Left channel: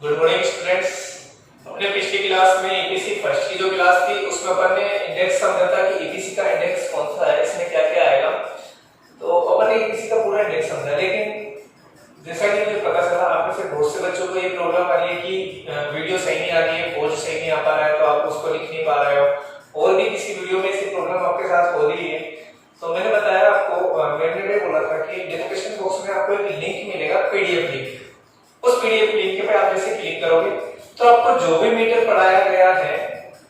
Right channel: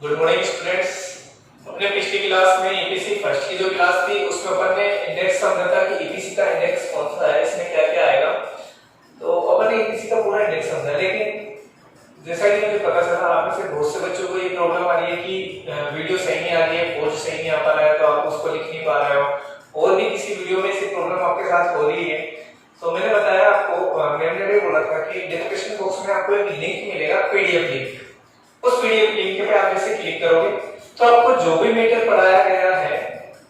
Good morning students. अपने पिछली class में ईपीसी फर्स्ट की जो क्लास थी उसमें अपन ने इंडेक्स समझा था कि ईपीसी का इंडेक्स कौन सा है, इसमें क्या क्या आएगा। तो अपन ने ईपीसी का पूरा इंडेक्स समझा, लेकिन जैसा कि मुझे पता चला आप में से बहुत से बच्चों को ये प्रॉब्लम आ रही है कि वीडियो सही नहीं आ रही है, वॉच सही नहीं आ पा रहा है, तो आप उसको लिख नहीं पा रहे हो, और भी किसी वीडियो में ऐसी प्रॉब्लम आपके साथ हो रही है। तो मैंने बताया आपको, मैंने भी बोला था कि डिस्क्रिप्शन बॉक्स में आपको एक लिंक मिलेगा, पीडीएफ लिंक। उस पीडीएफ लिंक पे आप जैसे क्लिक करोगे तो आपको जो भी मीटर पढ़ाया गया है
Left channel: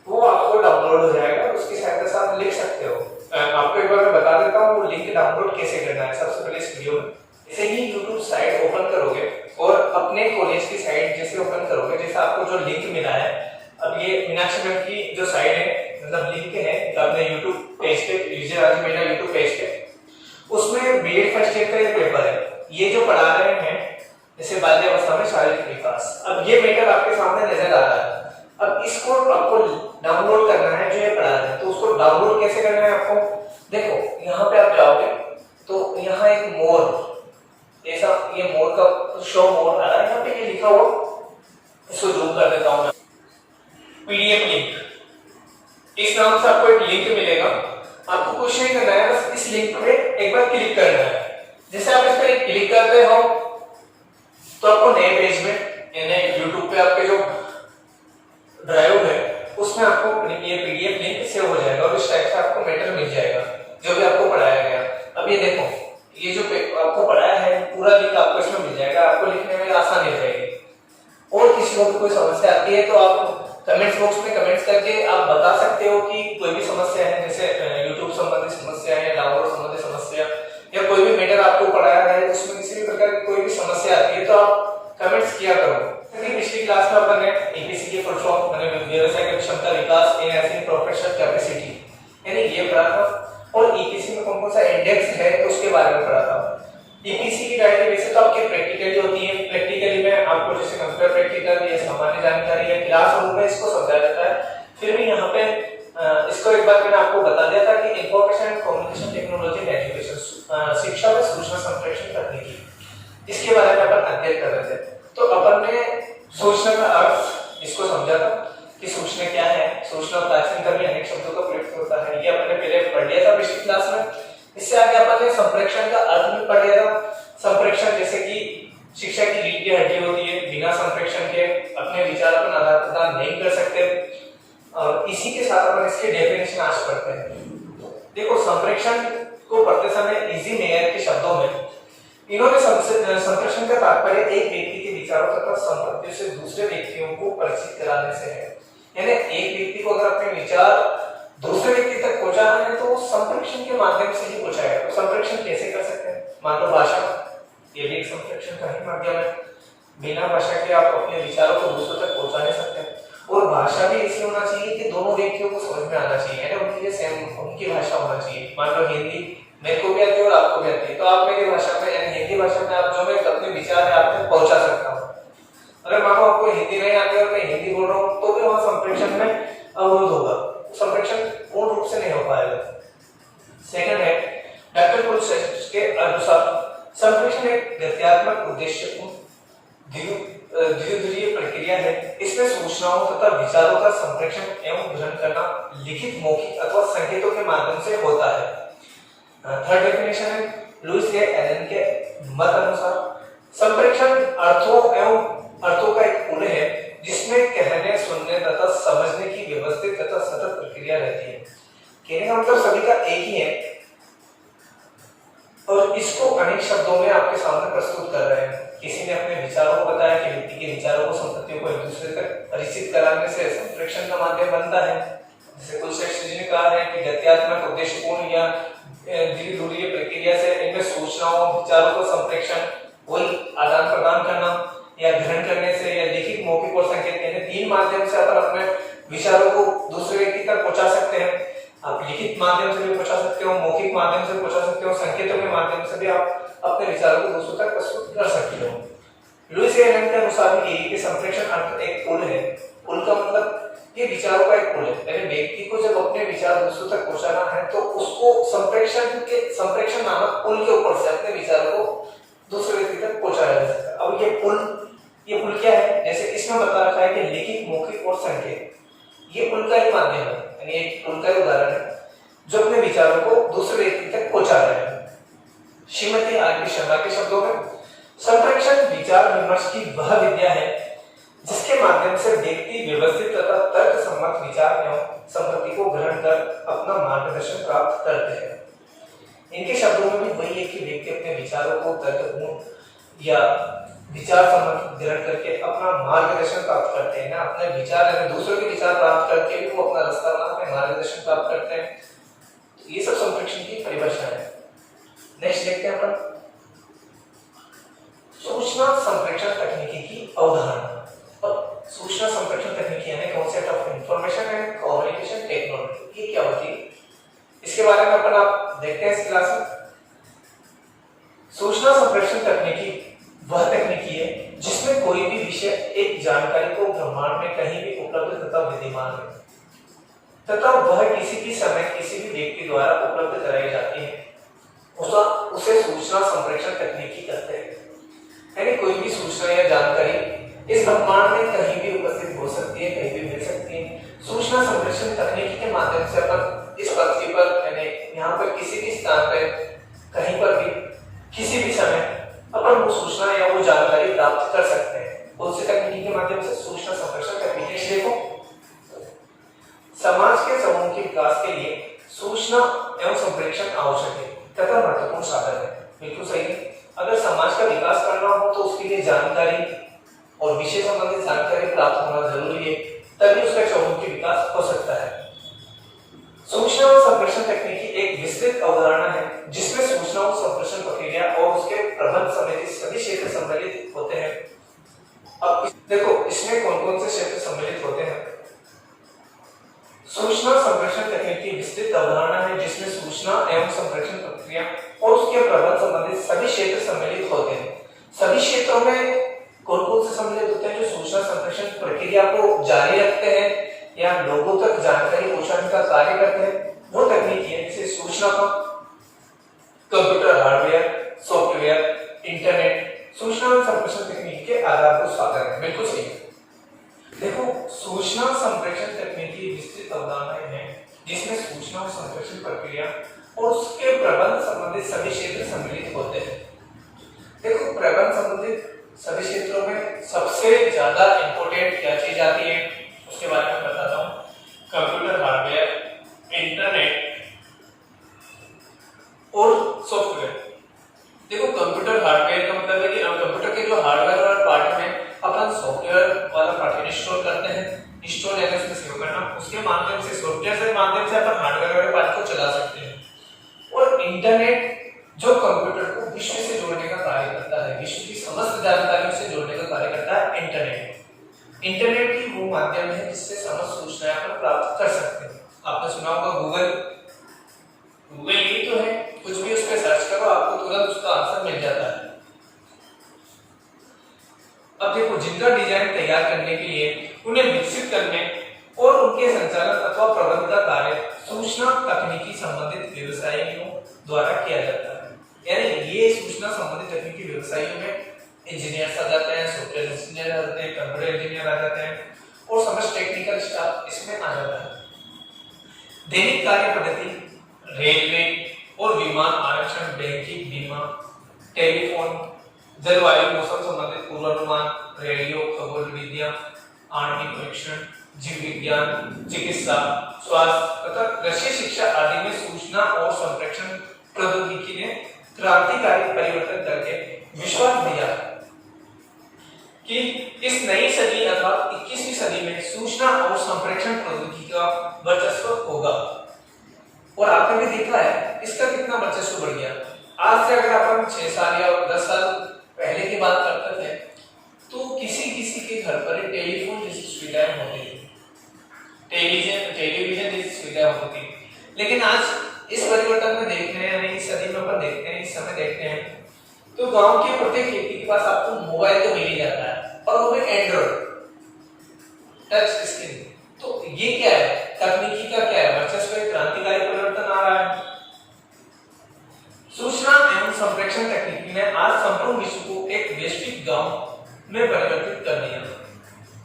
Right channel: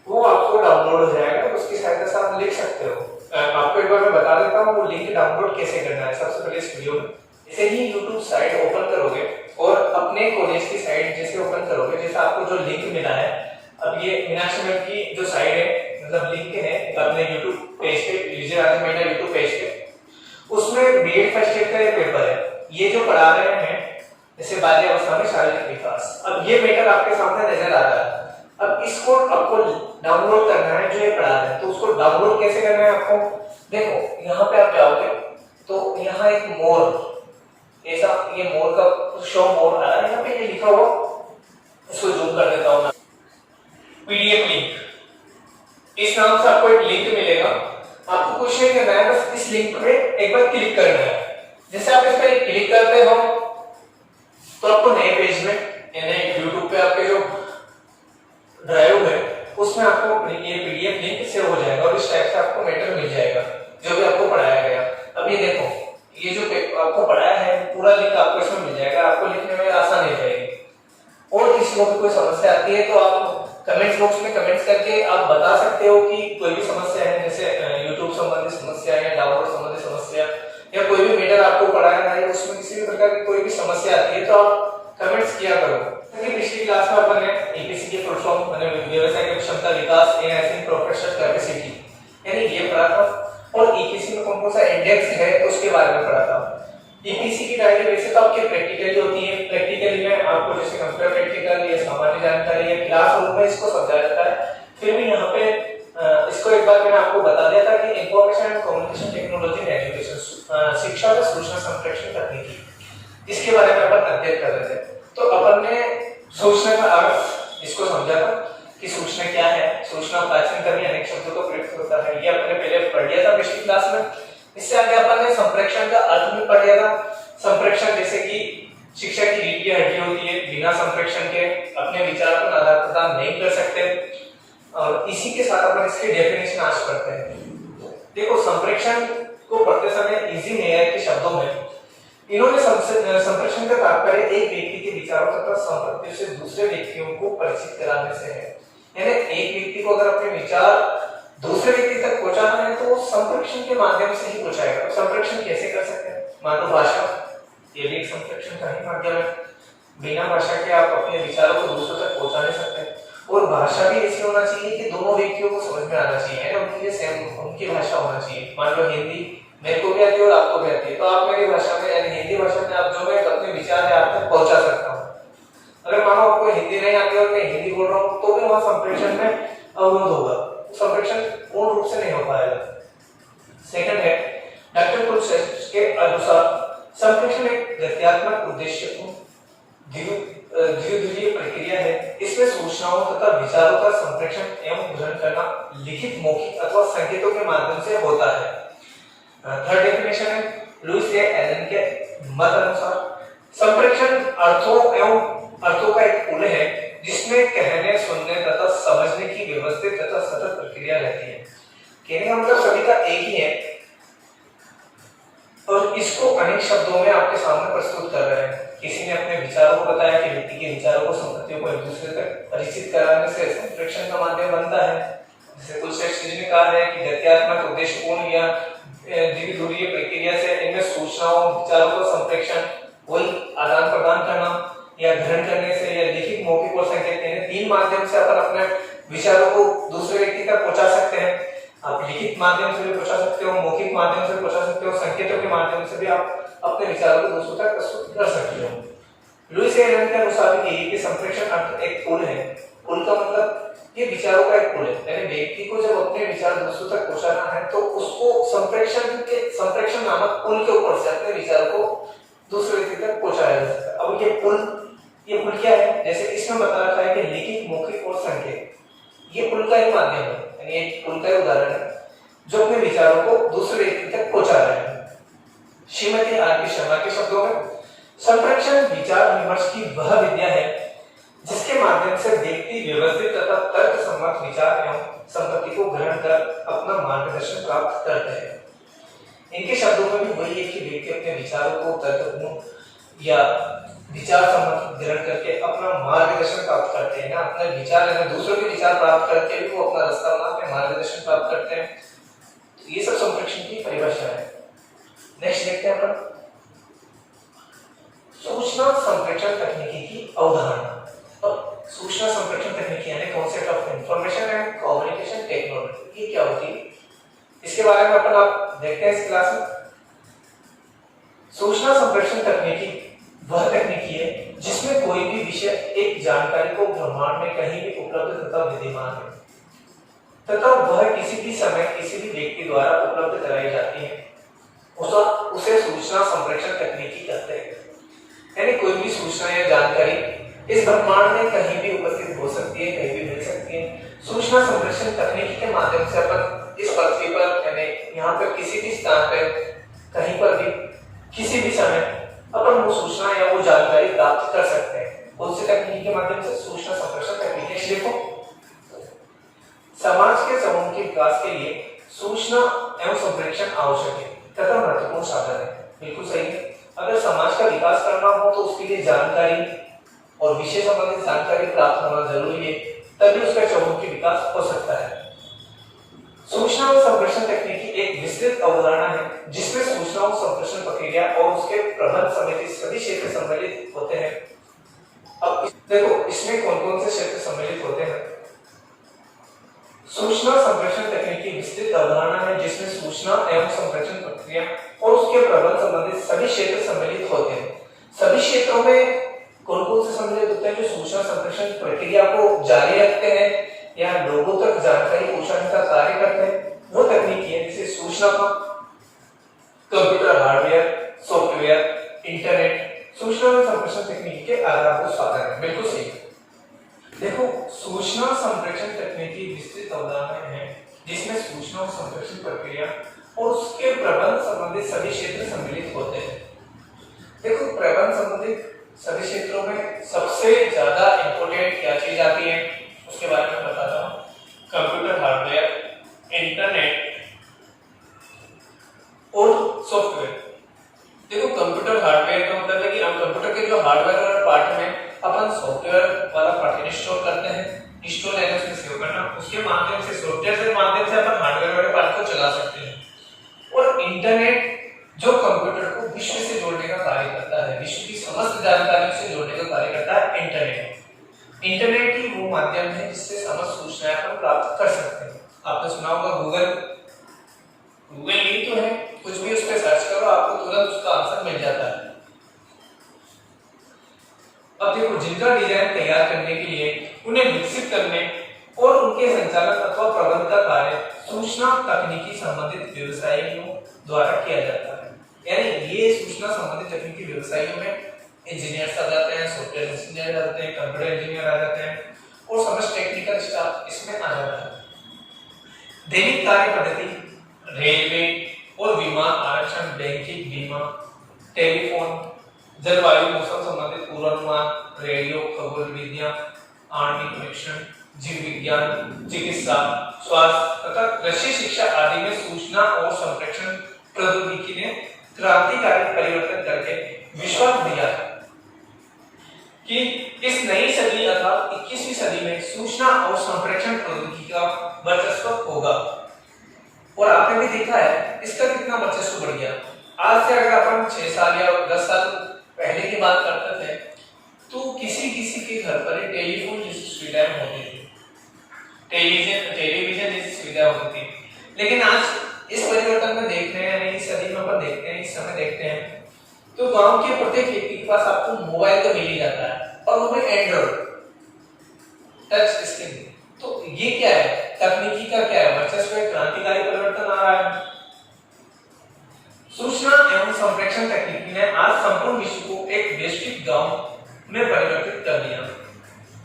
वो आपको डाउनलोड हो जाएगा, उसकी सहायता से आप लिख सकते हो। आपको एक बार मैं बता देता हूँ वो लिंक डाउनलोड कैसे करना है। सबसे पहले इस वीडियो में जैसे ही YouTube साइट ओपन करोगे और अपने कॉलेज की साइट जैसे ओपन करोगे, जैसे आपको जो लिंक मिला है, अब ये मीनाक्षी मैम की जो साइट है, मतलब लिंक है अपने YouTube पेज पे, यूजर आज मेरा YouTube पेज पे, उसमें बीएड फर्स्ट ईयर का एक पेपर है। ये जो पढ़ा रहे हैं जैसे बाल्यावस्था में शारीरिक विकास, अब ये मैटर आपके सामने नजर आ रहा है। अब इसको आपको डाउनलोड करना है जो ये पढ़ा रहे हैं, तो उसको डाउनलोड कैसे करना है आपको, देखो यहाँ पे आप जाओगे तो यहाँ एक मोर, ऐसा ये मोर का शो मोर आ रहा है, यहाँ पे ये लिखा हुआ, इसको जूम कर देता हूँ मैं, पीडीएफ लिंक, इस नाम से आपको एक लिंक मिलेगा। आपको कुछ नहीं करना है, बस इस लिंक पे एक बार क्लिक करना है। जैसे आप इस पर क्लिक करते हो तो आपको नए पेज में यानी YouTube पे आपके जो ड्राइव है उसमें आपको ये पीडीएफ लिंक सेव हो जाएगा और इस टाइप से आपको मैटर मिल जाएगा जो भी आपको पढ़ाया गया। अब ये देखो, ये जो आपको पढ़ाया है पूरा लिंक आपको इसमें मिल जाएगा, आपको लिखने में आसानी हो जाएगी। और किसी को भी कोई समस्या आती है तो आप कमेंट्स बॉक्स में कमेंट्स करके आप बता सकते हो कि कोई भी समस्या है, जैसे यूट्यूब संबंधी समस्या या डाउनलोड संबंधी समस्या या कोई भी मैटर आपको पढ़ाया है उसमें किसी भी प्रकार की कोई भी समस्या आती है तो आप कमेंट्स किया करो। पिछली क्लास में अपन ने ईपीसी की फुल फॉर्म माने व्यवसायिक क्षमता विकास एनहांसिंग प्रोफेशनल कैपेसिटी यानी ये पढ़ा था, और ईपीसी में कौन कौन सा इंडेक्स है उसके बारे में पढ़ा था। ईपीसी की डायरी वैसे तो आपकी प्रैक्टिकली होती है, प्रैक्टिकली में आपको जैसे कंप्यूटर प्रैक्टिकल या सामान्य जानकारी या क्लासरूम में इसको समझाया जाता है। फिर भी यहाँ पे इसको एक बार मैंने आपको बता दिया था कि information and communication technology in education, शिक्षा में सूचना संप्रेषण तकनीकी, इसके बारे में अपन अध्ययन कर रहे थे। तो अपन ने सूचना का अर्थ इसको समझा था कि सूचना क्या है। सूचना प्राचीन काल में अनेक शब्दों का प्रयोग होता है, ये अपन ने पहले पढ़ लिया था पिछली क्लास में। इससे आगे अपन ने संप्रेषण का अर्थ भी पढ़ लिया था। संप्रेषण जैसे कि शिक्षा की रीढ़ की हड्डी होती है, बिना संप्रेषण के अपने विचार पर आदान प्रदान नहीं कर सकते। और इसी के साथ अपन इसके डेफिनेशन आज पढ़ते हैं। देखो, संप्रेषण को पढ़ते समय इजी मेयर के शब्दों में इन्होंने संप्रेषण का तात्पर्य एक व्यक्ति के विचारों तथा संपत्तियों से दूसरे व्यक्तियों को परिचित कराने से है। यानी एक व्यक्ति को अगर अपने विचार दूसरे व्यक्ति तक पहुंचाना है तो संप्रेषण के माध्यम से ही पहुंचाएगा। तो संप्रेषण कैसे कर सकते हैं, मान लो भाषा, ये भी एक संप्रेषण का ही माध्यम है। बिना भाषा के आप अपने विचारों को दूसरों तक पहुंचा नहीं सकते। और भाषा भी ऐसी होना चाहिए कि दोनों व्यक्तियों को समझ में आना चाहिए, यानी उनकी सेम उनकी भाषा होना चाहिए। मान लो हिंदी मेरे को भी आती है और आपको भी आती है, तो आप मेरी भाषा में यानी हिंदी भाषा में आप जो मैं अपने विचार है आप तक पहुंचा सकता हूँ। अगर मानो आपको हिंदी नहीं आती और मैं हिंदी बोल रहा हूँ तो भी वहां संप्रेषण में अवरोध होगा, संप्रेषण पूर्ण रूप से नहीं हो पाएगा। सेकंड है, डॉक्टर कुलश्रेष्ठ के अनुसार संप्रेषण एक गत्यात्मक उद्देश्य धीरे प्रक्रिया है। इसमें सूचनाओं तथा विचारों का संप्रेषण एवं ग्रहण करना लिखित, मौखिक अथवा संकेतों के माध्यम से होता है। थर्ड डेफिनेशन है लुईस ए एलन के मत अनुसार संप्रेषण अर्थों का एक पुल है जिसमें कहने, सुनने तथा समझने की व्यवस्थित तथा सतत प्रक्रिया रहती है। कहने का मतलब सभी का एक ही है और इसको अनेक शब्दों में आपके सामने प्रस्तुत कर रहे हैं। किसी ने अपने विचारों को बताया कि व्यक्ति के विचारों को, संपत्तियों को एक दूसरे तक परिचित कराने से संप्रेषण का माध्यम बनता है। जैसे कुलश्रेष्ठ जी ने कहा है कि गत्यात्मक उद्देश्यपूर्ण या धीरे प्रक्रिया से इनमें सूचनाओं, विचारों को संप्रेषण, वही आदान प्रदान करना या ग्रहण करने से या लिखित, मौखिक और संकेत, यानी तीन माध्यम से अपन अपने विचारों को दूसरे व्यक्ति तक पहुंचा सकते हैं। आप लिखित माध्यम से भी पहुंचा सकते हो, मौखिक माध्यम से पहुंचा सकते हो, संकेतों के माध्यम से भी आप अपने विचारों को दूसरों तक प्रस्तुत कर सकते हो। लुईस ए एलन के अनुसार ये संप्रेषण अर्थ एक पुल है। पुल का मतलब ये विचारों का एक पुल है, यानी व्यक्ति को जब अपने विचार दूसरों तक पहुंचाना है तो उसको संप्रेषण नामक पुल के ऊपर से अपने विचारों को दूसरे व्यक्ति तक पहुंचाया जा सकता है। अब ये पुल क्या है? जैसे इसमें बता रखा है कि लिखित, मौखिक और संकेत, ये पुल का एक माध्यम है, यानी एक पुल का उदाहरण है जो अपने विचारों को दूसरे व्यक्ति तक पहुंचा रहे हैं। श्रीमती आर.के. शर्मा के शब्दों में, संप्रेषण विचार विमर्श की वह विद्या है जिसके माध्यम से व्यक्ति व्यवस्थित तथा तर्क सम्मत विचार एवं संपत्ति को ग्रहण कर अपना मार्गदर्शन प्राप्त करते हैं। इनके शब्दों में भी वही है कि व्यक्ति अपने विचारों को तर्कपूर्ण या विचार सम्मत ग्रहण करके अपना मार्गदर्शन प्राप्त करते हैं ना, अपने विचार या दूसरों के विचार प्राप्त करके भी वो अपना रास्ता बनाते, मार्गदर्शन प्राप्त करते हैं। तो ये सब संप्रेषण की परिभाषा है। नेक्स्ट देखते हैं अपन सूचना संप्रेषण तकनीकी की अवधारणा। अब सूचना संप्रेषण तकनीकी यानी concept of information and communication technology, ये क्या होती है इसके बारे में अपन आप देखते हैं इस क्लास में। सूचना संप्रेषण तकनीकी वह तकनीकी है जिसमें कोई भी विषय एक जानकारी को ब्रह्मांड में कहीं भी उपलब्ध तथा विद्यमान है तथा वह किसी भी समय किसी भी व्यक्ति द्वारा उपलब्ध कराई जाती है, उसे सूचना संप्रेषण तकनीकी कहते हैं। यानी कोई भी सूचना या जानकारी इस ब्रह्मांड में कहीं भी उपस्थित हो सकती है, कहीं भी मिल सकती है। सूचना संप्रेषण तकनीकी के माध्यम से अपन इस पृथ्वी पर यानी यहाँ पर किसी भी स्थान पर कहीं पर भी किसी भी समय अपन वो सूचना या वो जानकारी प्राप्त कर सकते हैं। उस तकनीकी के माध्यम से सूचना संप्रेषण तकनीकी। देखो, समाज के समूह के विकास के लिए सूचना एवं संप्रेषण आवश्यक है तथा महत्वपूर्ण साधन है। बिल्कुल सही है। अगर समाज का विकास करना हो तो उसके लिए जानकारी और विषय संबंधित जानकारी प्राप्त होना जरूरी है, तभी उसका समूह के विकास हो सकता है। सूचना और संप्रेषण तकनीकी एक विस्तृत अवधारणा है जिसमें सूचना और संप्रेषण प्रक्रिया और उसके प्रबंध समेत सभी क्षेत्र सम्मिलित होते हैं। अब देखो इसमें कौन कौन से क्षेत्र सम्मिलित होते हैं। सूचना संप्रेषण तकनीकी विस्तृत अवधारणा है जिसमें सूचना एवं संप्रेषण प्रक्रिया और उसके प्रबंध संबंधित सभी क्षेत्र सम्मिलित होते हैं। सभी क्षेत्रों में कौन कौन से सम्मिलित होते हैं? जो सूचना संप्रेषण प्रक्रिया को जारी रखते हैं या लोगों तक जानकारी पहुंचाने का कार्य करते हैं, वो तकनीकी है। जैसे सूचना का कंप्यूटर हार्डवेयर, सॉफ्टवेयर, इंटरनेट सूचना और संप्रेषण तकनीकी के आधारभूत साधन है। बिल्कुल सही। देखो, सूचना संप्रेषण तकनीकी विस्तृत अवधारणा है जिसमें सूचना और संप्रेषण प्रक्रिया और उसके प्रबंध संबंधित सभी क्षेत्र सम्मिलित होते हैं। देखो, प्रबंध संबंधित सभी क्षेत्रों में सबसे ज्यादा इंपॉर्टेंट क्या चीज आती है उसके बारे में बताता हूँ। कंप्यूटर हार्डवेयर, इंटरनेट और सॉफ्टवेयर। देखो, कंप्यूटर हार्डवेयर का मतलब है कि हम कंप्यूटर के जो हार्डवेयर वाला पार्ट में अपन सॉफ्टवेयर वाला पार्ट इंस्टॉल करते हैं। इंस्टॉल यानी उसमें सेव करना, उसके माध्यम से सॉफ्टवेयर के माध्यम से अपन हार्डवेयर वाले पार्ट को चला सकते हैं। और इंटरनेट जो कंप्यूटर को विश्व से जोड़ने का कार्य करता है, विश्व की समस्त जानकारियों से जोड़ने का कार्य करता है इंटरनेट। इंटरनेट ही वो माध्यम है जिससे समस्त सूचनाएं अपन प्राप्त कर सकते हैं। आपने सुना होगा गूगल ही तो है, कुछ भी उस पर सर्च करो आपको तुरंत उसका आंसर मिल जाता है। अब देखो, जिनका डिजाइन तैयार करने के लिए उन्हें विकसित करने और उनके संचालन अथवा प्रबंध का कार्य सूचना तकनीकी संबंधित व्यवसायियों द्वारा किया जाता है। यानी ये सूचना संबंधित तकनीकी व्यवसायियों में इंजीनियर आ जाते हैं, सॉफ्टवेयर इंजीनियर आ जाते हैं, कंप्यूटर इंजीनियर आ जाते हैं और समस्त टेक्निकल स्टाफ इसमें आ जाता है। दैनिक कार्य पद्धति, रेलवे और विमान आरक्षण, बैंकिंग, बीमा, टेलीफोन, जलवायु मौसम संबंधित पूर्वानुमान, रेडियो, खगोल विद्या, आणविक परीक्षण, जीव विज्ञान, चिकित्सा, स्वास्थ्य तथा कृषि शिक्षा आदि में सूचना और संप्रेषण प्रौद्योगिकी ने क्रांतिकारी परिवर्तन करके विश्वास दिया है कि इस नई सदी अर्थात 21वीं सदी में सूचना और संप्रेषण प्रौद्योगिकी का वर्चस्व होगा। और आपने भी देखा है इसका कितना वर्चस्व बढ़ गया। आज से अगर अपन 6 साल या 10 साल पहले की बात करते थे तो किसी के घर पर टेलीफोन जैसी सुविधाएं होती थी, टेलीविजन जैसी सुविधा होती थी। लेकिन आज इस परिवर्तन में देख रहे हैं, इस सदी में अपन देखते हैं, इस समय देखते हैं तो गांव के प्रत्येक व्यक्ति के पास आपको मोबाइल तो मिल ही जाता है और वो भी एंड्रॉइड टच स्क्रीन। तो ये क्या है? तकनीकी का क्या है वर्चस्व? क्रांतिकारी परिवर्तन आ रहा है। सूचना एवं संप्रेषण तकनीकी ने आज संपूर्ण विश्व को एक वैश्विक गांव में परिवर्तित कर दिया।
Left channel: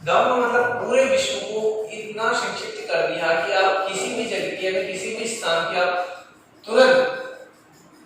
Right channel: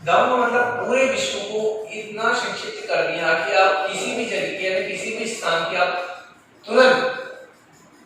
गांव का मतलब पूरे विश्व को इतना संक्षिप्त कर दिया कि आप किसी भी जगह के या किसी भी स्थान की आप तुरंत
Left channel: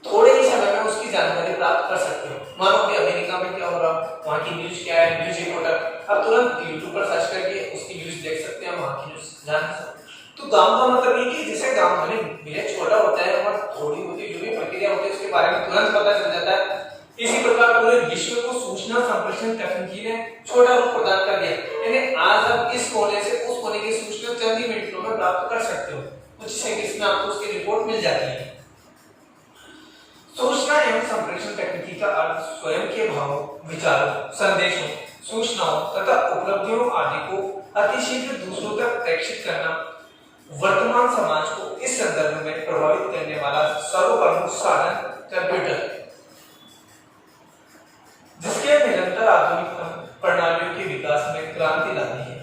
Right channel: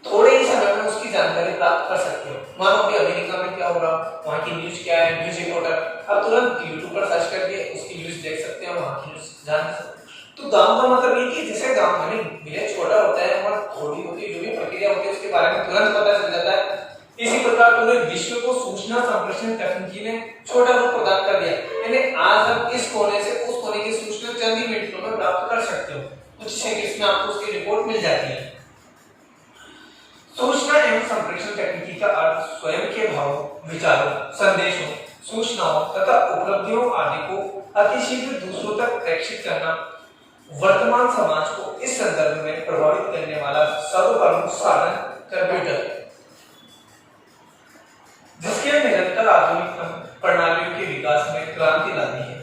थोड़े ही समय में उसकी जानकारी प्राप्त कर सकते हो। मानो कि अमेरिका में क्या हो रहा, वहाँ की न्यूज क्या है, न्यूज रिपोर्टर आप तुरंत यूट्यूब पर सर्च करके उसकी न्यूज देख सकते हैं, वहाँ की न्यूज जान सकते हैं। तो गांव का मतलब ये कि जैसे गांव में विलेज छोटा होता है और थोड़ी होती जो भी प्रक्रिया होती है उसके बारे में तुरंत पता चल जाता है, इसी प्रकार पूरे विश्व को सूचना संप्रेषण तकनीकी ने छोटा रूप प्रदान कर दिया। यानी आज आप इस कोने से उस कोने की सूचना चंद ही मिनटों में प्राप्त कर सकते हो, कुछ सेकंड्स में आपको उसकी रिपोर्ट मिल जाती है। सूचना एवं संप्रेषण तकनीकी का अर्थ स्वयं के भावों, विचारों, संदेशों, सूचनाओं तथा उपलब्धियों आदि को अतिशीघ्र दूसरों तक प्रेषित करना, वर्तमान समाज को इस संदर्भ में प्रभावित करने वाला सर्वप्रमुख साधन कंप्यूटर, जिसके निरंतर आधुनिक प्रणालियों के विकास में क्रांति ला दी है।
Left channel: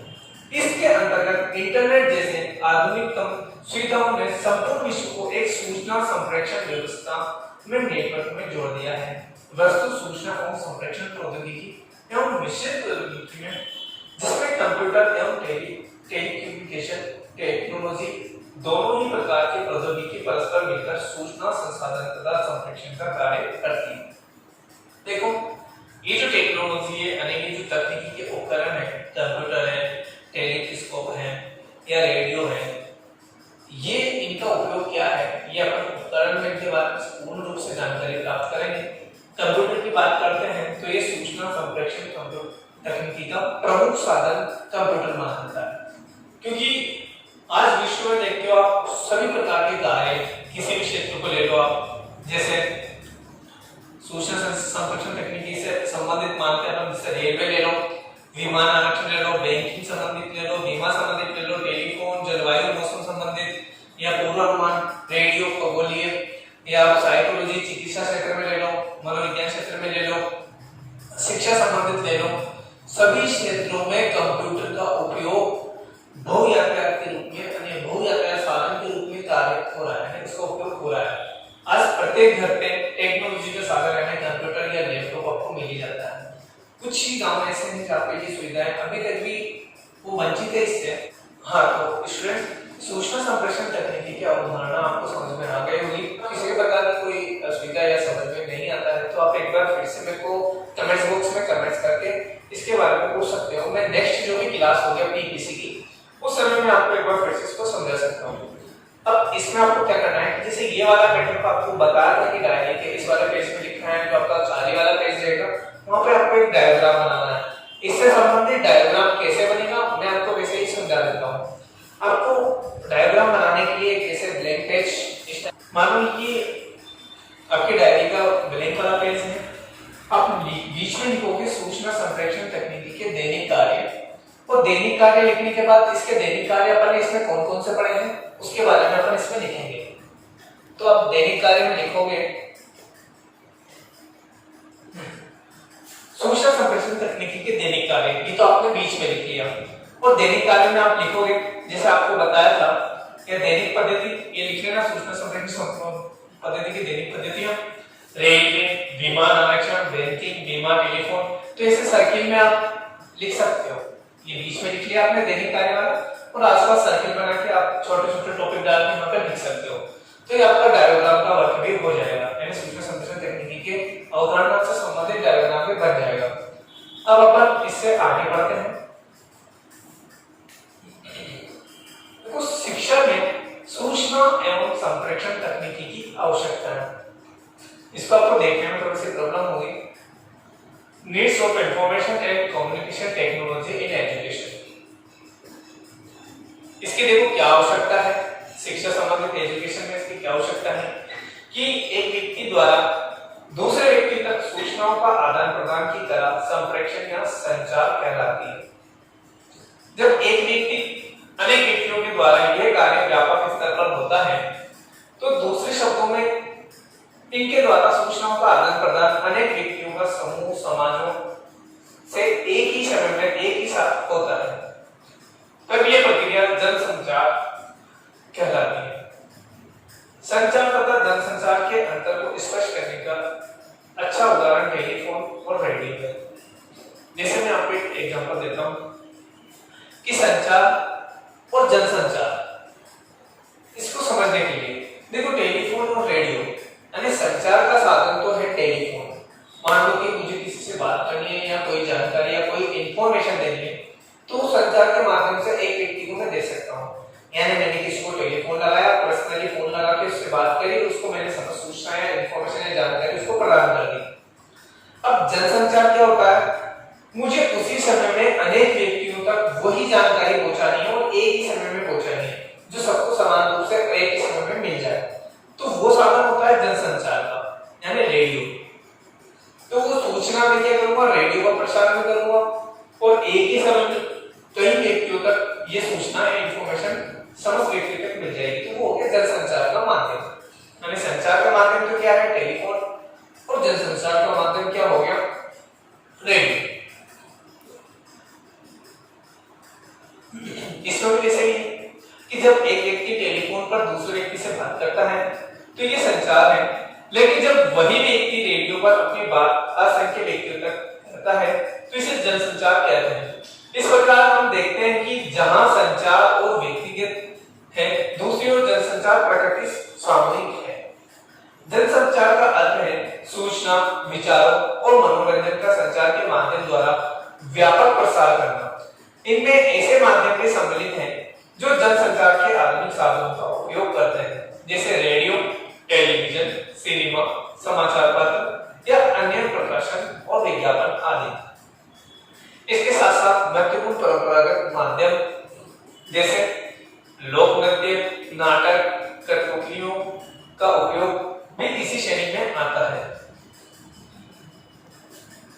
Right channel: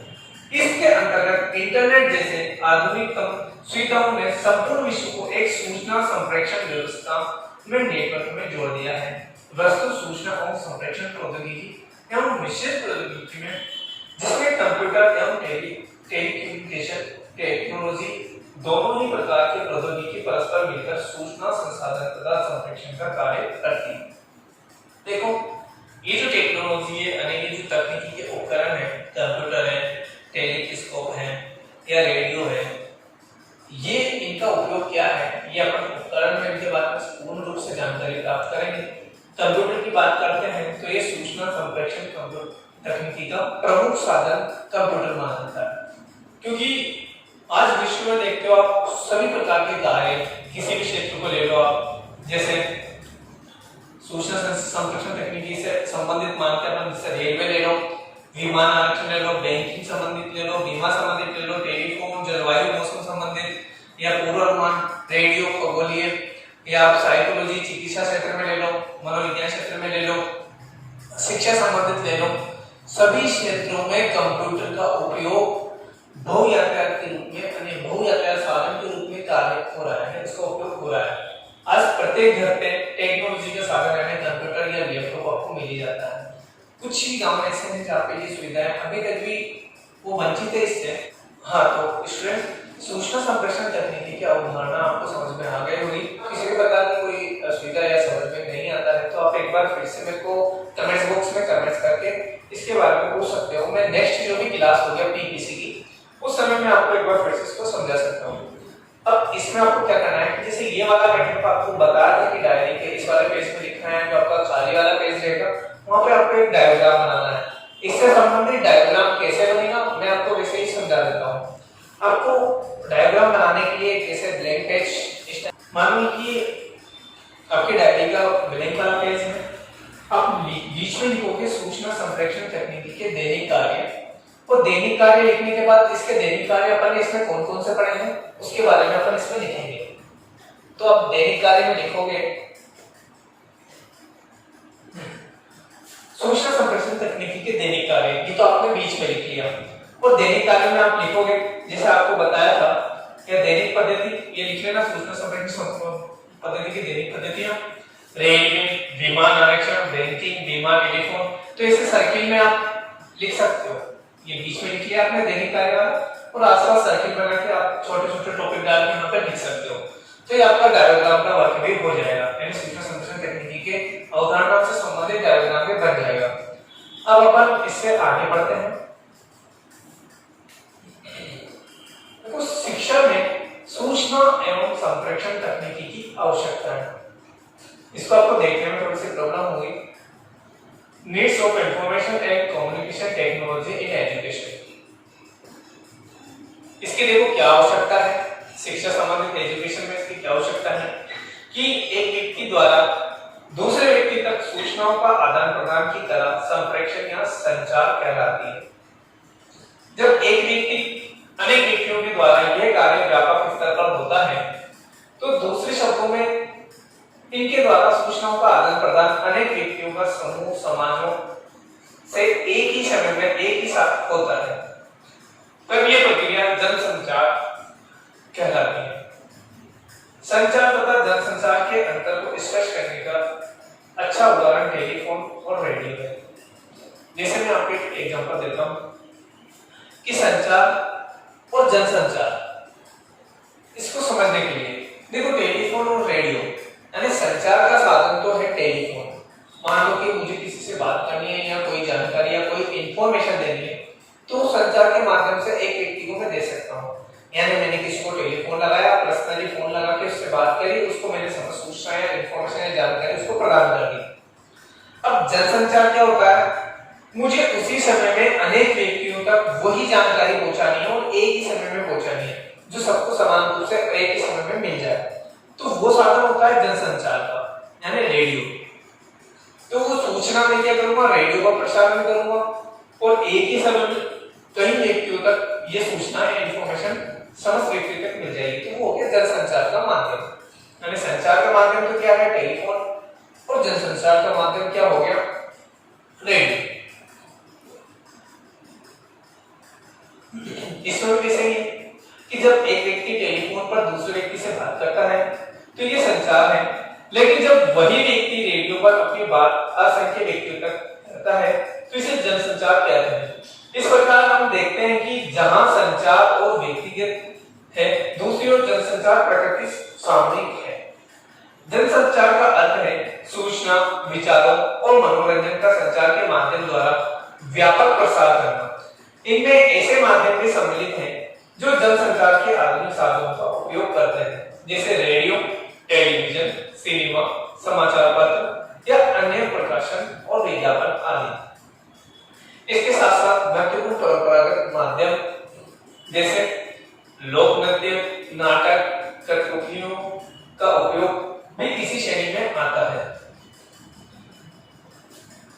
इसके अंतर्गत इंटरनेट जैसे आधुनिकतम सुविधाओं ने संपूर्ण विश्व को एक सूचना संप्रेषण व्यवस्था में नेटवर्क में जोड़ दिया है। वस्तु सूचना एवं संप्रेषण प्रौद्योगिकी एवं मिश्रित प्रौद्योगिकी में, जिसमें कंप्यूटर एवं टेलीकम्युनिकेशन टेक्नोलॉजी दोनों ही प्रकार के प्रौद्योगिकी परस्पर मिलकर सूचना संसाधन तथा संप्रेषण का कार्य करती है। देखो ये जो टेक्नोलॉजी है यानी ये जो तकनीकी के उपकरण है, कंप्यूटर है, टेलीस्कोप है या रेडियो है, ये इनका उपयोग क्या है ये अपन उपकरण में इनके बारे में पूर्ण रूप से जानकारी प्राप्त करेंगे। कंप्यूटर की बात करते हैं तो ये सूचना संप्रेषण कंप्यूटर तकनीकी का प्रमुख साधन कंप्यूटर माना जाता है, क्योंकि आज विश्व में देखते हो आप सभी प्रकार के कार्य किसी भी क्षेत्र को ले लो आप, जैसे सूचना संप्रेषण तकनीकी से संबंधित मानते हैं अपन, जैसे रेलवे ले लो, विमान आरक्षण ले लो, बैंकिंग संबंधित ले लो, बीमा संबंधित ले लो, टेलीफोन, जलवायु मौसम संबंधित या पूर्वानुमान, रेडियो, खगोलीय या साइकोलॉजी, चिकित्सा क्षेत्र में ले लो, मनोविज्ञान क्षेत्र में ले लो, शिक्षा संबंधित ले लो, सभी क्षेत्रों में कंप्यूटर का उपयोग बहु यातायात के रूप में यानी बहु यातायात साधन के रूप में कार्य हो रहा है, इसका उपयोग हो रहा है। आज प्रत्येक घर पे टेक्नोलॉजी का साधन यानी कंप्यूटर या लैपटॉप आपको मिल ही जाता है। कुछ ही गांव ऐसे हैं जहाँ पे ये सुविधाएं अभी तक भी वो वंचित है इससे। हाँ, तो स्टूडेंट्स सूचना संप्रेषण तकनीकी की अवधारणा आपको समझ में आ गई होगी। किसी भी प्रकार की कोई असुविधा या समझ में नहीं आता है तो आप एक बार फिर से मेरे को कमेंट्स बॉक्स में कमेंट्स करके इसके बारे में पूछ सकते हो। मैं नेक्स्ट जो भी क्लास होगी अपनी पीसी की उस समय में आपको एक बार फिर से इसको समझा सकता हूँ। अब इसमें आपको क्या करना है कि जैसे ये वाला पैटर्न को आपको बताया था कि डायरी के इस वाले पेज में लिखना है, जो आपका खाली वाला पेज रहेगा वहां पे आपको एक डायग्राम बनाना है। इससे संबंधित डायग्राम कैसे बनेगा मैं आपको वैसे ही समझा देता हूँ। आपको डायग्राम बनाने के लिए जैसे ब्लैंक पेज, मानो कि आपकी डायरी का ब्लैंक वाला पेज है, आप बीच में लिखोगे सूचना संप्रेषण तकनीकी के दैनिक कार्य, और दैनिक कार्य लिखने के बाद इसके दैनिक कार्य अपन ने इसमें कौन कौन से पढ़े हैं उसके बारे में अपन इसमें लिखेंगे। तो आप दैनिक कार्य में लिखोगे सूचना संप्रेषण तकनीकी के दैनिक कार्य, ये तो आपने बीच में लिख लिया। और दैनिक कार्य में आप लिखोगे जैसे आपको बताया था कि दैनिक पद्धति, ये लिख लेना सूचना संप्रेषण पद्धति की दैनिक पद्धतियां, रेलवे, विमान आरक्षण, बैंकिंग, बीमा, टेलीफोन, तो इसे सर्किल में आप लिख सकते हो। ये बीच में लिख लिया आपने दैनिक कार्य वाला, और आसपास सर्किल बना के आप छोटे छोटे टॉपिक डाल के यहाँ पे लिख सकते हो। तो ये आपका डायग्राम का वर्क भी हो जाएगा, यानी सूचना संप्रेषण तकनीकी के अवधारणा से संबंधित डायग्राम भी बन जाएगा। अब अपन इससे आगे बढ़ते हैं। देखो शिक्षा में सूचना एवं संप्रेषण तकनीकी की आवश्यकता है, इसको आपको देखने में थोड़ी सी प्रॉब्लम होगी। Needs of information and communication technology in education, इसकी देखो क्या आवश्यकता है, शिक्षा संबंधित एजुकेशन में इसकी क्या आवश्यकता है कि एक व्यक्ति द्वारा दूसरे व्यक्ति तक सूचनाओं का आदान प्रदान की तरह संप्रेषण या संचार कहलाती है। जब एक व्यक्ति अनेक व्यक्तियों के द्वारा यह कार्य व्यापक स्तर पर होता है तो दूसरे शब्दों में इनके द्वारा सूचनाओं का आदान प्रदान अनेक व्यक्तियों का समूह समाजों से एक ही समय में एक ही साथ होता है, तब यह प्रक्रिया जनसंचार कहलाती है। संचार तथा जनसंचार के अंतर को स्पष्ट करने का अच्छा उदाहरण टेलीफोन और रेडियो है। जैसे मैं आपको एक एग्जांपल देता हूं कि संचार और जनसंचार, इसको समझने के लिए देखो टेलीफोन और रेडियो यानी संचार का साधन तो है टेलीफोन। मान लो कि मुझे किसी से बात करनी है या कोई जानकारी या कोई इंफॉर्मेशन देनी है तो संचार के माध्यम से एक व्यक्ति को मैं दे सकता हूँ। यानी मैंने किसी को टेलीफोन लगाया, पर्सनली फोन लगा के उससे बात करी, उसको मैंने सूचना या इंफॉर्मेशन या जानकारी उसको प्रदान कर दी। अब जनसंचार क्या होता है, मुझे उसी समय में अनेक व्यक्तियों तक वही जानकारी पहुंचानी है और एक ही समय में पहुंचानी है जो सबको समान रूप से एक ही समय में मिल जाए, तो वो साधन होता है जनसंचार का यानी रेडियो। तो वो सूचना मैं क्या करूंगा, रेडियो का प्रसारण करूंगा और एक ही समय में कई व्यक्तियों तक ये सूचना या इंफॉर्मेशन समस्त व्यक्ति तक मिल जाएगी। तो वो हो गया जनसंचार का माध्यम। यानी संचार का माध्यम तो क्या है टेलीफोन और जनसंचार का माध्यम क्या हो गया रेडियो। इसमें कैसे भी कि जब एक व्यक्ति टेलीफोन पर दूसरे व्यक्ति से बात करता है तो ये संचार है, लेकिन जब वही व्यक्ति रेडियो पर अपनी बात असंख्य व्यक्तियों तक करता है तो इसे जनसंचार कहते हैं। इस प्रकार हम देखते हैं कि जहां संचार और व्यक्तिगत है, दूसरी ओर जनसंचार प्रकृति सामूहिक है। जनसंचार का अर्थ है सूचना, विचारों और मनोरंजन का संचार के माध्यम द्वारा व्यापक प्रसार करना। इनमें ऐसे माध्यम भी सम्मिलित हैं जो जनसंचार के आधुनिक साधनों का उपयोग करते हैं, जैसे रेडियो, टेलीविजन, सिनेमा, समाचार पत्र या अन्य प्रकाशन और विज्ञापन आदि। इसके साथ साथ महत्वपूर्ण परंपरागत माध्यम जैसे लोक नृत्य, नाटक, कठपुतलियों का उपयोग भी इसी श्रेणी में आता है।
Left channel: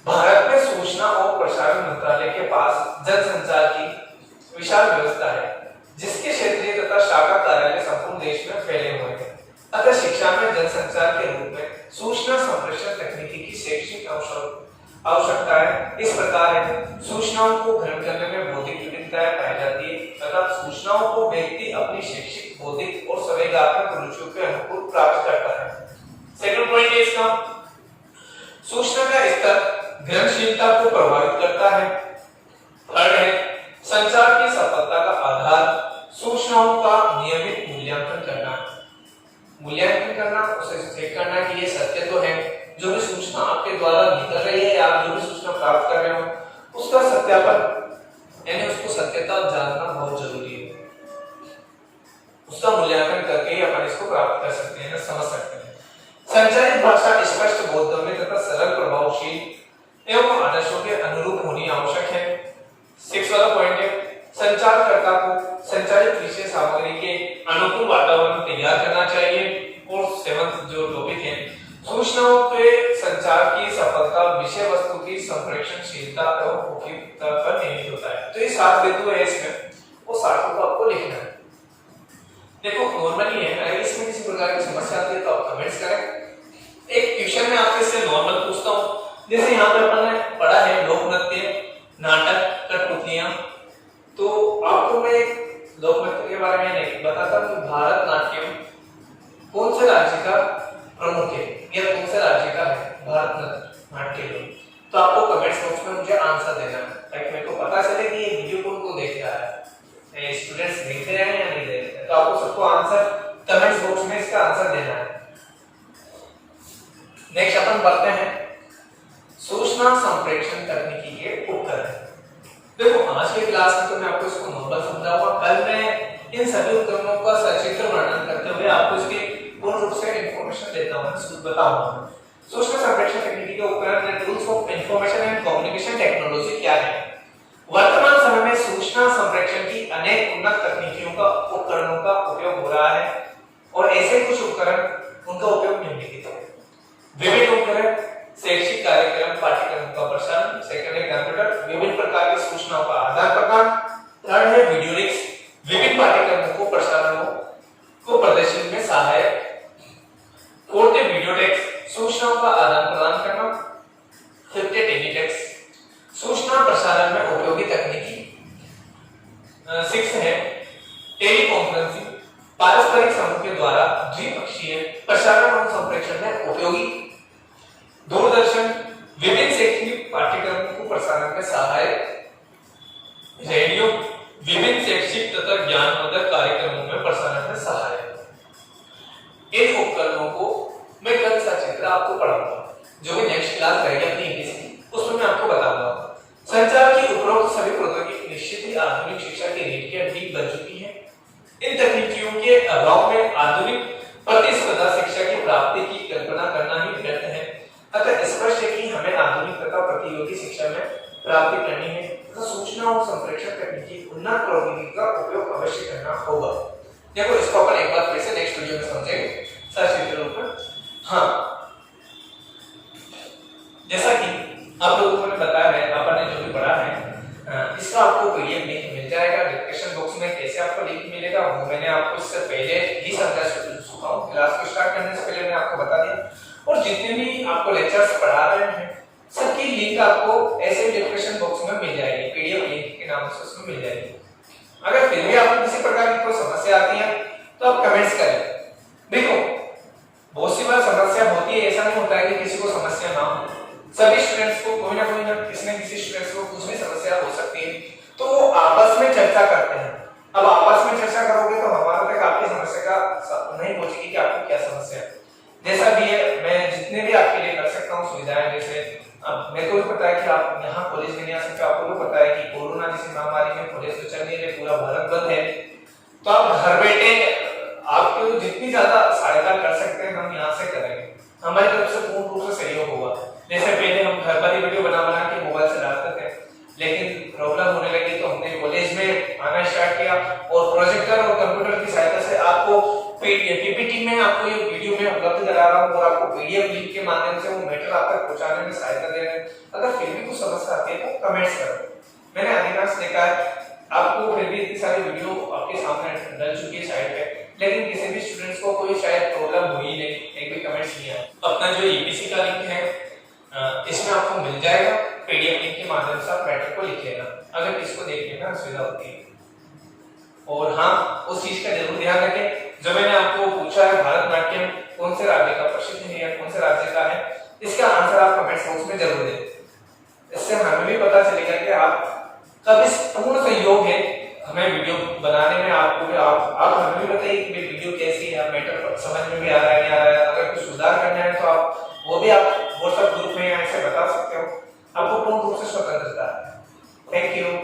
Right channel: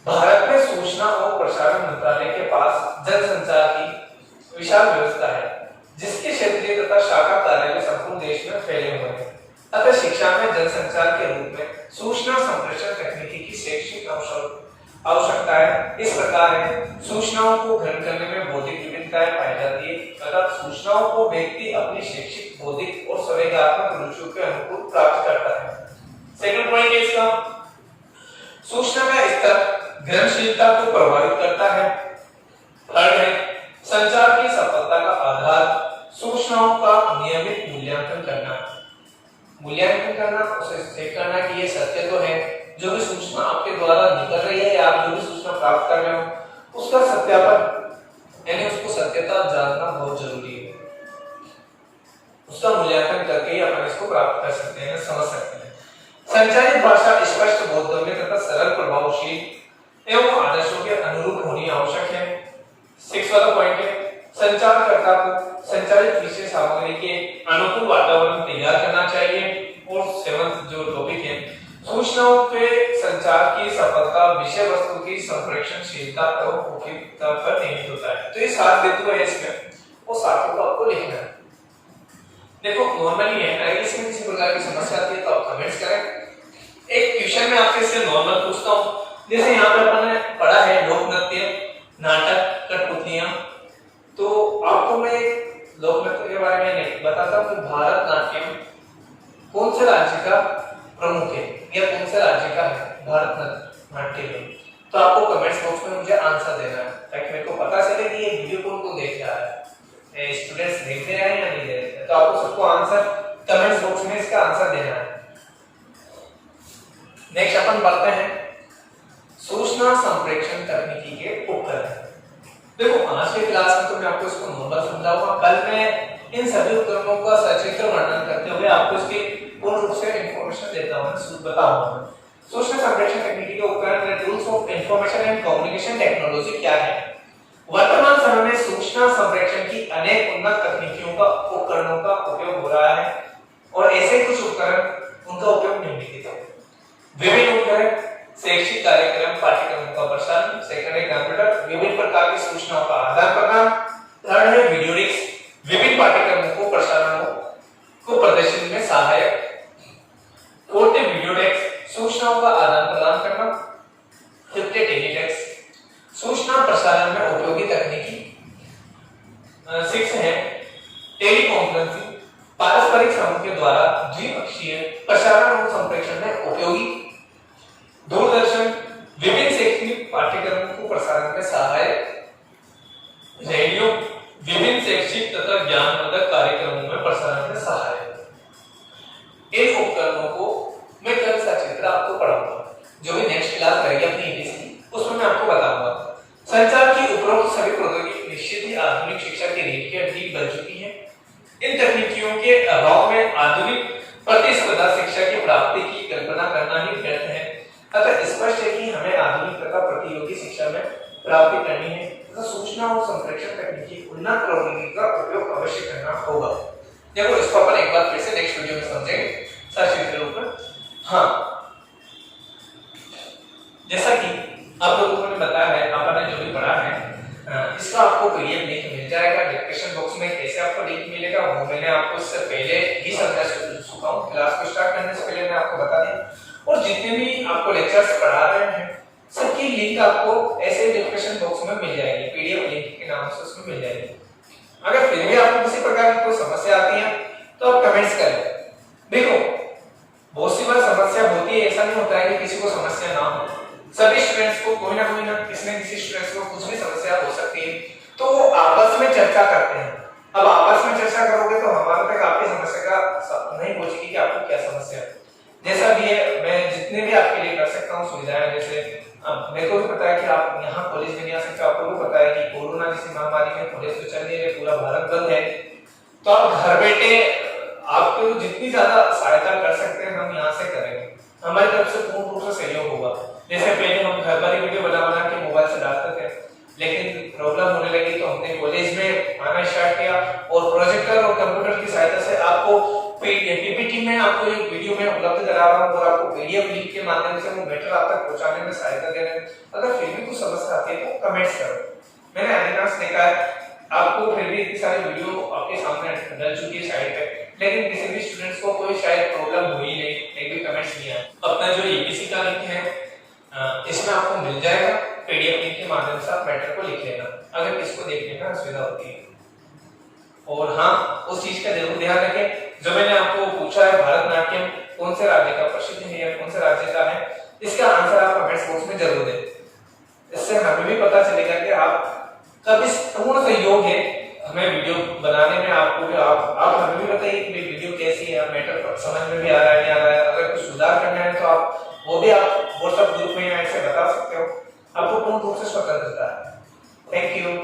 भारत में सूचना और प्रसारण मंत्रालय के पास जनसंचार की विशाल व्यवस्था है, जिसके क्षेत्रीय तथा शाखा कार्यालय संपूर्ण देश में फैले हुए हैं। अतः शिक्षा में जनसंचार के रूप में सूचना संप्रेषण तकनीकी की शैक्षिक आवश्यकताएं इस प्रकार है। सूचनाओं को ग्रहण करने में बौद्धिक विविधताएं पाई जाती है तथा सूचनाओं को व्यक्ति अपनी शैक्षिक, बौद्धिक और संवेदनात्मक रुचियों के अनुकूल प्राप्त करता है। सेकंड पॉइंट है इसका, सूचना का स्तर ग्रहणशीलता को प्रभावित करता है। थर्ड है संचार की सफलता का आधार सूचनाओं का नियमित मूल्यांकन करना। उसे चेक करना कि ये सत्य तो है, जो भी सूचना आपके द्वारा निकल रही है या आप जो भी सूचना प्राप्त कर रहे हो उसका सत्यापन यानी उसको सत्यता जानना बहुत जरूरी है। उसका मूल्यांकन करके ही अपन इसको प्राप्त कर सकते हैं, समझ सकते हैं। संचारित भाषा स्पष्ट, बोधगम्य तथा सरल, प्रभावशील एवं आदर्शों के अनुरूप होनी आवश्यक है। 6 वाला पॉइंट है संचारकर्ता को संचारित विषय सामग्री के अनुकूल वातावरण तैयार करना चाहिए। और 7th जो टॉपिक है सूचनाओं के संचार की सफलता विषय वस्तु की संप्रेषणशीलता एवं उपयुक्तता पर निहित होता है। तो ये 7 बिंदु है इसमें, वो 7 को आपको लिखना है। देखो नॉर्मली है, अगर इसमें किसी प्रकार की समस्या आती है तो आप कमेंट्स करें। एक क्वेश्चन में आपसे इससे नॉर्मल पूछता हूं, जैसे यहाँ पर अपन ने पढ़ा है लोक नृत्य, नाटक, कठपुतलियां, तो आपको मैं लोक नृत्य के बारे में नहीं बताता कि भारतनाट्यम कौन से राज्य का प्रमुख है या कौन से राज्य का है भारतनाट्यम। तो आपको कमेंट्स बॉक्स में मुझे आंसर देना है ताकि मेरे को पता चले कि ये वीडियो कौन देख रहा है, स्टूडेंट्स देख रहे हैं या नहीं देख रहे। तो आपको सबको आंसर कमेंट्स बॉक्स में इसका आंसर देना है। नेक्स्ट अपन बढ़ते हैं सूचना संप्रेषण तकनीकी के उपकरण। देखो आज के क्लास में तो मैं आपको इसको नॉर्मल समझाऊंगा, कल मैं इन सभी उपकरणों का सचित्र वर्णन करते हुए आपको इसके पूर्ण रूप से इंफॉर्मेशन देता हूं, बताऊंगा। सूचना संप्रेषण तकनीकी के उपकरण या tools of information and communication technology क्या है। वर्तमान समय में सूचना संप्रेषण की अनेक उन्नत तकनीकियों का उपकरणों का उपयोग हो रहा है और ऐसे कुछ उपकरण उनका उपयोग निम्नलिखित है। विभिन्न उपकरण शैक्षिक कार्यक्रम, पाठ्यक्रम का प्रसारण। सेकंड है कंप्यूटर, विभिन्न प्रकार की सूचनाओं का आदान प्रदान। थर्ड है वीडियो डिस्क, विभिन्न पाठ्यक्रमों को प्रसारणों को प्रदर्शन में सहायक। फोर्थ है वीडियो डेस्क, सूचनाओं का आदान प्रदान करना। फिफ्थ है टेलीटेक्स्ट, सूचना प्रसारण में उपयोगी तकनीकी। 6 है टेलीकॉन्फ्रेंसिंग, पारस्परिक समूह के द्वारा द्विपक्षीय प्रसारण और संप्रेषण में उपयोगी। दूरदर्शन, विभिन्न शैक्षणिक पाठ्यक्रम पाठ्यक्रमों को प्रसारण में सहायक रेडियो विभिन्न शैक्षिक तथा ज्ञानवर्धक कार्यक्रमों में प्रसारण में सहायक। इन उपकरणों को मैं कल सचित्र आपको पढ़ाऊंगा, जो भी नेक्स्ट क्लास रहेगी अपनी ईपीसी उसमें मैं आपको बताऊंगा। संचार की उपरोक्त सभी प्रौद्योगिकी निश्चित ही आधुनिक शिक्षा की रीढ़ की हड्डी बन चुकी है। इन तकनीकियों के अभाव में आधुनिक प्रतिस्पर्धा शिक्षा की प्राप्ति की कल्पना करना ही व्यर्थ है। अतः स्पष्ट है कि हमें आधुनिक तथा प्रतियोगी शिक्षा में प्राप्ति करनी है तथा सूचना और संप्रेषण तकनीकी उन्नत प्रौद्योगिकी का उपयोग अवश्य करना होगा। देखो इसको अपन एक बार फिर से नेक्स्ट वीडियो में समझेंगे सर के ऊपर। हाँ, जैसा कि आप लोगों ने बताया है, अपन ने जो भी पढ़ा है, इसका आपको पीडीएफ लिंक मिल जाएगा डिस्क्रिप्शन बॉक्स में। कैसे आपको लिंक मिलेगा वो मैंने आपको इससे पहले ही समझा चुका हूँ, क्लास को स्टार्ट करने से पहले मैं आपको बता दिया। और जितने भी आपको लेक्चर्स पढ़ा रहे हैं सबकी लिंक आपको ऐसे डिस्क्रिप्शन बॉक्स में मिल जाएगी, पीडीएफ लिंक के नाम से उसमें मिल जाएगी। अगर फिर भी आपको किसी प्रकार की कोई समस्या आती है तो आप कमेंट्स करें। देखो बहुत सी बार समस्या होती है, ऐसा नहीं होता है कि किसी को समस्या ना हो। सभी स्टूडेंट्स को कोई ना किसी न किसी स्टूडेंट्स को कुछ भी समस्या हो सकती है, तो वो आपस में चर्चा करते हैं। अब आपस में चर्चा करोगे तो हमारे तक आपकी समस्या का नहीं पहुंचेगी कि आपको क्या समस्या है। जैसा भी है मैं जितने भी आपके लिए कर सकता हूँ सुविधाएं, जैसे अब मेरे को भी पता है कि आप यहाँ कॉलेज में नहीं आ सकते, आपको भी पता है कि कोरोना जैसी महामारी में कॉलेज तो चल नहीं रहे, पूरा भारत बंद है, तो आप घर बैठे आपको जितनी ज्यादा सहायता कर सकते हैं हम यहाँ से करेंगे। हमारी तरफ से पूर्ण रूप से सहयोग होगा। जैसे पहले हम घर पर ही वीडियो बना के मोबाइल से डालते थे, लेकिन प्रॉब्लम होने लगी तो हमने कॉलेज में आना स्टार्ट किया और प्रोजेक्टर और कंप्यूटर की सहायता से आपको पीपीटी में आपको ये वीडियो में उपलब्ध करा रहा हूँ और आपको पीडीएफ लिंक के माध्यम से वो मैटर आप तक पहुंचाने में सहायता दे रहे हैं। अगर फिर भी कुछ समस्या आती है तो कमेंट्स करो। मैंने अधिकांश देखा है आपको फिर भी इतनी सारी वीडियो आपके सामने डल चुकी है साइड पे, लेकिन किसी भी स्टूडेंट्स को कोई शायद प्रॉब्लम हुई नहीं, एक भी कमेंट्स नहीं आया। अपना जो ईपीसी का लिंक है इसमें आपको मिल जाएगा, पीडीएफ लिंक के माध्यम से आप मैटर को लिख लेना अगर इसको देखने में असुविधा होती है। और हाँ, उस चीज का जरूर ध्यान रखें जो मैंने आपको पूछा है, भरतनाट्यम कौन से राज्य का प्रसिद्ध है या कौन से राज्य का है, इसका आंसर आप कमेंट्स बॉक्स में जरूर दें। इससे हमें भी पता चलेगा कि आप का भी पूर्ण सहयोग है हमें वीडियो बनाने में। आपको भी आप हमें भी बताइए कि वीडियो कैसी है, मैटर समझ में भी आ रहा है नहीं आ रहा है। अगर कुछ सुधार करना है तो आप वो भी आप व्हाट्सएप ग्रुप में ऐसे बता सकते हो, आपको पूर्ण रूप से स्वतंत्रता है। Thank you.